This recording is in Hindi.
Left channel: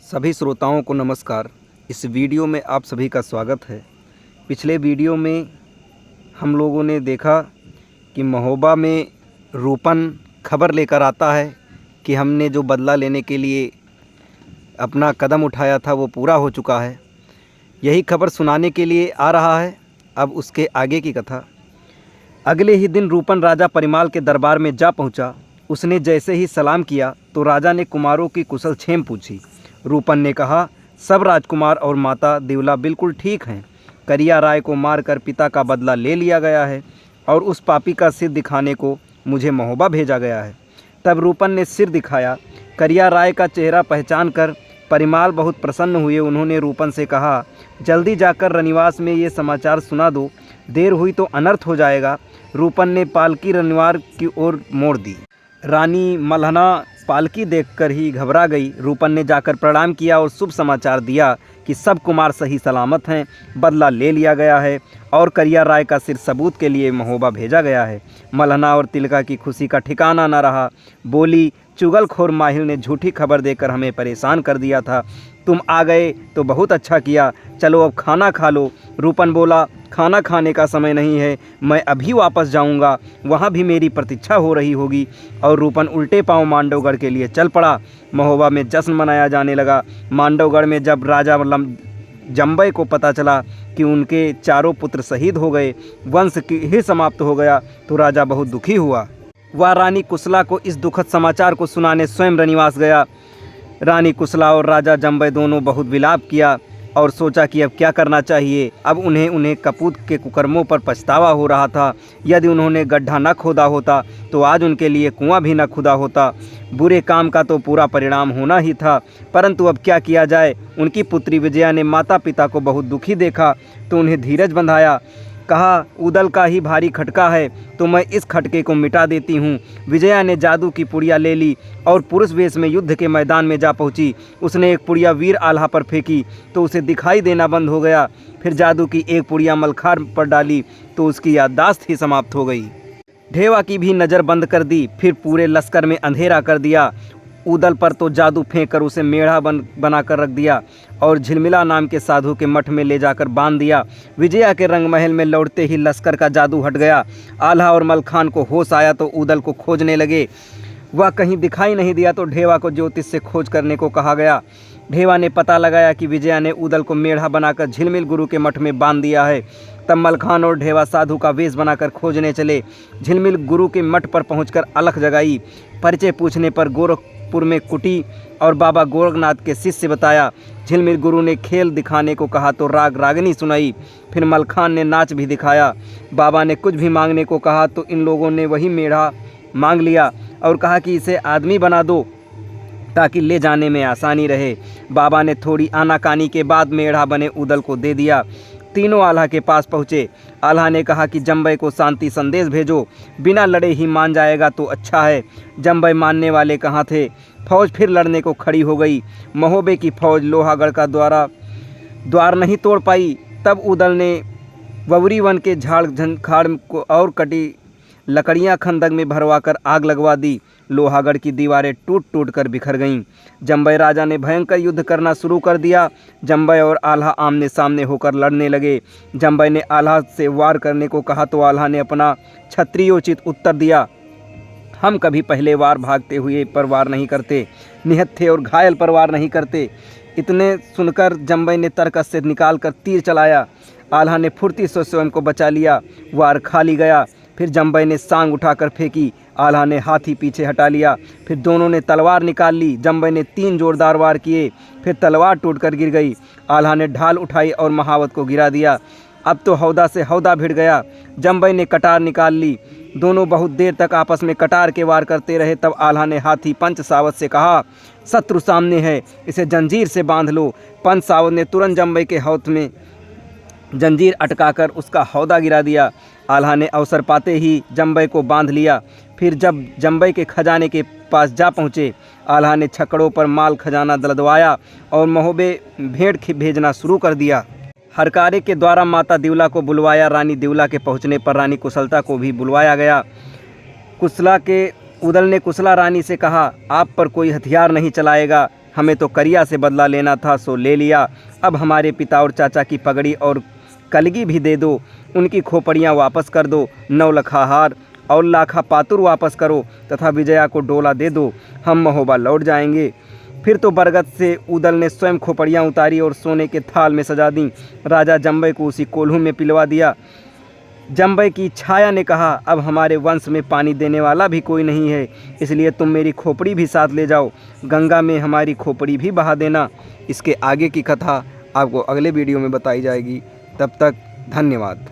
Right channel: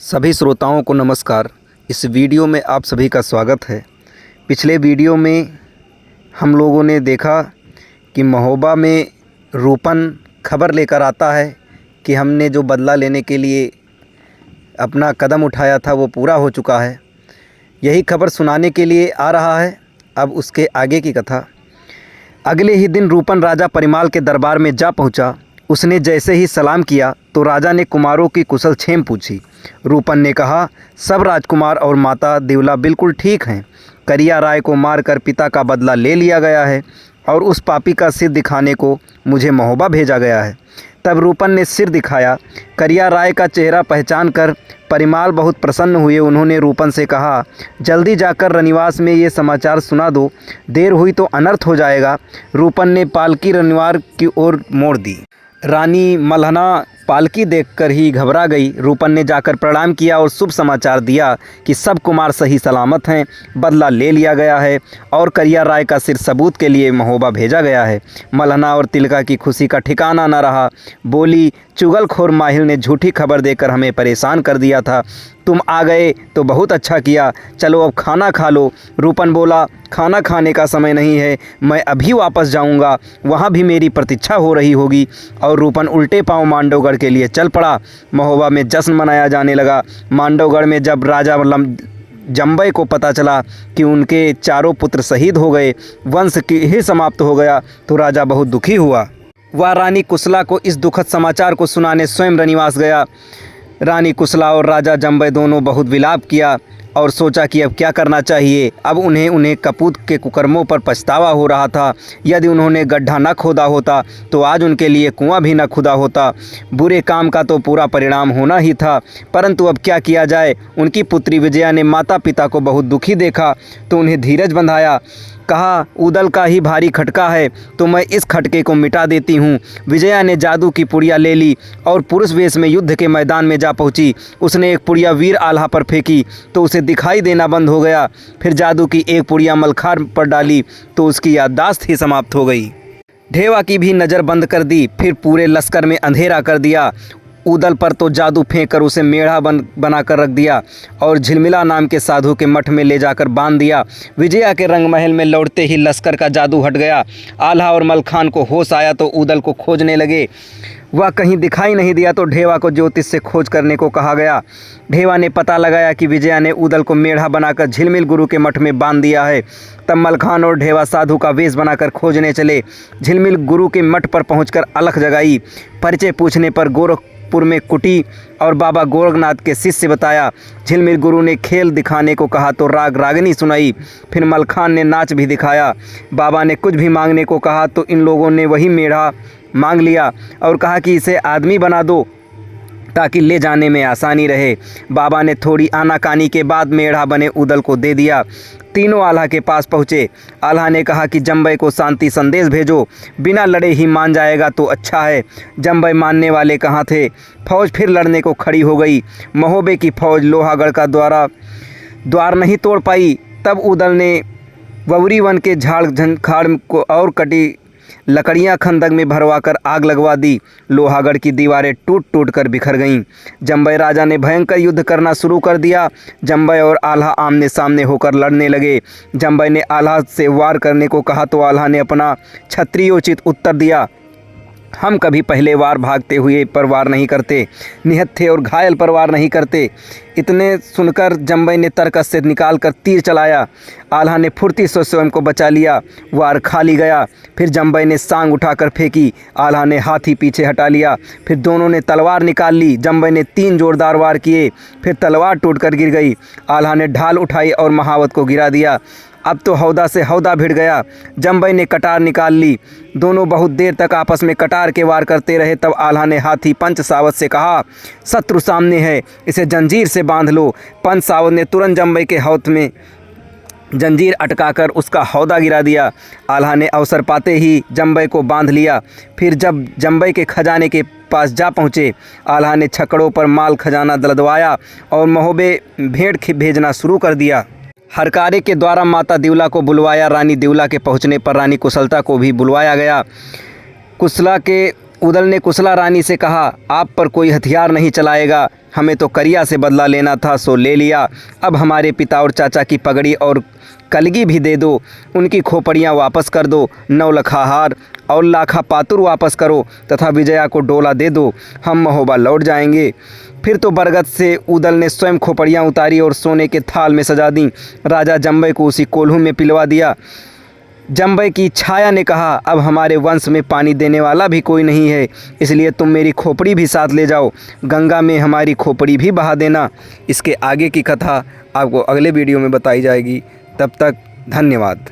सभी श्रोताओं को नमस्कार। इस वीडियो में आप सभी का स्वागत है। पिछले वीडियो में हम लोगों ने देखा कि महोबा में रूपन खबर लेकर आता है कि हमने जो बदला लेने के लिए अपना कदम उठाया था वो पूरा हो चुका है। यही खबर सुनाने के लिए आ रहा है। अब उसके आगे की कथा। अगले ही दिन रूपन राजा परिमाल के दरबार में जा पहुंचा। उसने जैसे ही सलाम किया तो राजा ने कुमारों की कुशल क्षेम पूछी। रूपन ने कहा, सब राजकुमार और माता देवला बिल्कुल ठीक हैं। करिया राय को मारकर पिता का बदला ले लिया गया है और उस पापी का सिर दिखाने को मुझे महोबा भेजा गया है। तब रूपन ने सिर दिखाया। करिया राय का चेहरा पहचान कर परिमाल बहुत प्रसन्न हुए। उन्होंने रूपन से कहा, जल्दी जाकर रनिवास में ये समाचार सुना दो, देर हुई तो अनर्थ हो जाएगा। रूपन ने पालकी रनिवार की ओर मोड़ दी। रानी मल्हना पालकी देखकर ही घबरा गई। रूपन ने जाकर प्रणाम किया और शुभ समाचार दिया कि सब कुमार सही सलामत हैं, बदला ले लिया गया है और करिया राय का सिर सबूत के लिए महोबा भेजा गया है। मल्हना और तिलका की खुशी का ठिकाना न रहा। बोली, चुगलखोर माहिल ने झूठी खबर देकर हमें परेशान कर दिया था। तुम आ गए तो बहुत अच्छा किया। चलो अब खाना खा लो। रूपन बोला, खाना खाने का समय नहीं है, मैं अभी वापस जाऊंगा, वहाँ भी मेरी प्रतीक्षा हो रही होगी। और रूपन उल्टे पांव मांडवगढ़ के लिए चल पड़ा। महोबा में जश्न मनाया जाने लगा। मांडवगढ़ में जब राजा जम्बई को पता चला कि उनके चारों पुत्र शहीद हो गए, वंश ही समाप्त हो गया, तो राजा बहुत दुखी हुआ। वह रानी कुशला को इस दुखद समाचार को सुनाने स्वयं रनिवास गया। रानी कुशला और राजा जम्बई दोनों बहुत विलाप किया और सोचा कि अब क्या करना चाहिए। अब उन्हें कपूत के कुकर्मों पर पछतावा हो रहा था। यदि उन्होंने गड्ढा न खोदा होता तो आज उनके लिए कुआं भी न खुदा होता। बुरे काम का तो पूरा परिणाम होना ही था, परंतु अब क्या किया जाए। उनकी पुत्री विजया ने माता पिता को बहुत दुखी देखा तो उन्हें धीरज बंधाया। कहा, उदल का ही भारी खटका है तो मैं इस खटके को मिटा देती हूँ। विजया ने जादू की पुड़िया ले ली और पुरुष वेश में युद्ध के मैदान में जा पहुँची। उसने एक पुड़िया वीर आल्हा पर फेंकी तो उसे दिखाई देना बंद हो गया। फिर जादू की एक पुड़िया मलखार पर डाली तो उसकी याददाश्त ही समाप्त हो गई। ढेवा की भी नज़र बंद कर दी। फिर पूरे लश्कर में अंधेरा कर दिया। उदल पर तो जादू फेंक कर उसे मेढ़ा बनाकर रख दिया और झिलमिला नाम के साधु के मठ में ले जाकर बांध दिया। विजया के रंगमहल में लौटते ही लश्कर का जादू हट गया। आल्हा और मलखान को होश आया तो उदल को खोजने लगे। वह कहीं दिखाई नहीं दिया तो ढेवा को ज्योतिष से खोज करने को कहा गया। ढेवा ने पता लगाया कि विजया ने उदल को मेढ़ा बनाकर झिलमिल गुरु के मठ में बांध दिया है। तब मलखान और ढेवा साधु का वेश बनाकर खोजने चले। झिलमिल गुरु के मठ पर पहुंचकर अलख जगाई। परिचय पूछने पर गोरखपुर में कुटी और बाबा गोरखनाथ के शिष्य बताया। झिलमिल गुरु ने खेल दिखाने को कहा तो राग रागिनी सुनाई। फिर मलखान ने नाच भी दिखाया। बाबा ने कुछ भी मांगने को कहा तो इन लोगों ने वही मेढ़ा मांग लिया और कहा कि इसे आदमी बना दो ताकि ले जाने में आसानी रहे। बाबा ने थोड़ी आनाकानी के बाद मेढ़ा बने उदल को दे दिया। तीनों आल्हा के पास पहुँचे। आल्हा ने कहा कि जम्बई को शांति संदेश भेजो, बिना लड़े ही मान जाएगा तो अच्छा है। जम्बई मानने वाले कहाँ थे। फौज फिर लड़ने को खड़ी हो गई। महोबे की फौज लोहागढ़ का द्वार नहीं तोड़ पाई। तब उदल ने ववरी वन के झाड़ झंखाड़ को और कटी लकड़ियां खंदक में भरवाकर आग लगवा दी। लोहागढ़ की दीवारें टूट टूट कर बिखर गईं। जम्बई राजा ने भयंकर युद्ध करना शुरू कर दिया। जम्बई और आल्हा आमने सामने होकर लड़ने लगे। जम्बई ने आल्हा से वार करने को कहा तो आल्हा ने अपना क्षत्रियोचित उत्तर दिया, हम कभी पहले वार भागते हुए पर वार नहीं करते, निहत्थे और घायल पर वार नहीं करते। इतने सुनकर जम्बई ने तरकस से निकाल कर तीर चलाया। आल्हा ने फुर्ती से स्वयं को बचा लिया। वार खाली गया। फिर जम्बई ने सांग उठाकर फेंकी। आल्हा ने हाथी पीछे हटा लिया। फिर दोनों ने तलवार निकाल ली। जम्बई ने 3 जोरदार वार किए। फिर तलवार टूटकर गिर गई। आल्हा ने ढाल उठाई और महावत को गिरा दिया। अब तो हौदा से हौदा भिड़ गया। जम्बई ने कटार निकाल ली। दोनों बहुत देर तक आपस में कटार के वार करते रहे। तब आल्हा ने हाथी पंच सावत से कहा, शत्रु सामने है, इसे जंजीर से बांध लो। पंच सावत ने तुरंत जम्बई के हौद में जंजीर अटकाकर उसका हौदा गिरा दिया। आल्हा ने अवसर पाते ही जम्बई को बांध लिया। फिर जब जम्बई के खजाने के पास जा पहुँचे, आल्हा ने छकड़ों पर माल खजाना दलदवाया और महोबे भेंट भेजना शुरू कर दिया। हरकारे के द्वारा माता देवला को बुलवाया। रानी देवला के पहुंचने पर रानी कुशलता को भी बुलवाया गया। उदल ने कुशला रानी से कहा, आप पर कोई हथियार नहीं चलाएगा, हमें तो करिया से बदला लेना था सो ले लिया। अब हमारे पिता और चाचा की पगड़ी और कलगी भी दे दो, उनकी खोपड़ियाँ वापस कर दो, 9 लखा हार और लाखा पातुर वापस करो तथा विजया को डोला दे दो। हम महोबा लौट जाएंगे। फिर तो बरगद से उदल ने स्वयं खोपड़ियाँ उतारी और सोने के थाल में सजा दी। राजा जम्बई को उसी कोल्हू में पिलवा दिया। जम्बई की छाया ने कहा, अब हमारे वंश में पानी देने वाला भी कोई नहीं है, इसलिए तुम मेरी खोपड़ी भी साथ ले जाओ, गंगा में हमारी खोपड़ी भी बहा देना। इसके आगे की कथा आपको अगले वीडियो में बताई जाएगी। तब तक धन्यवाद।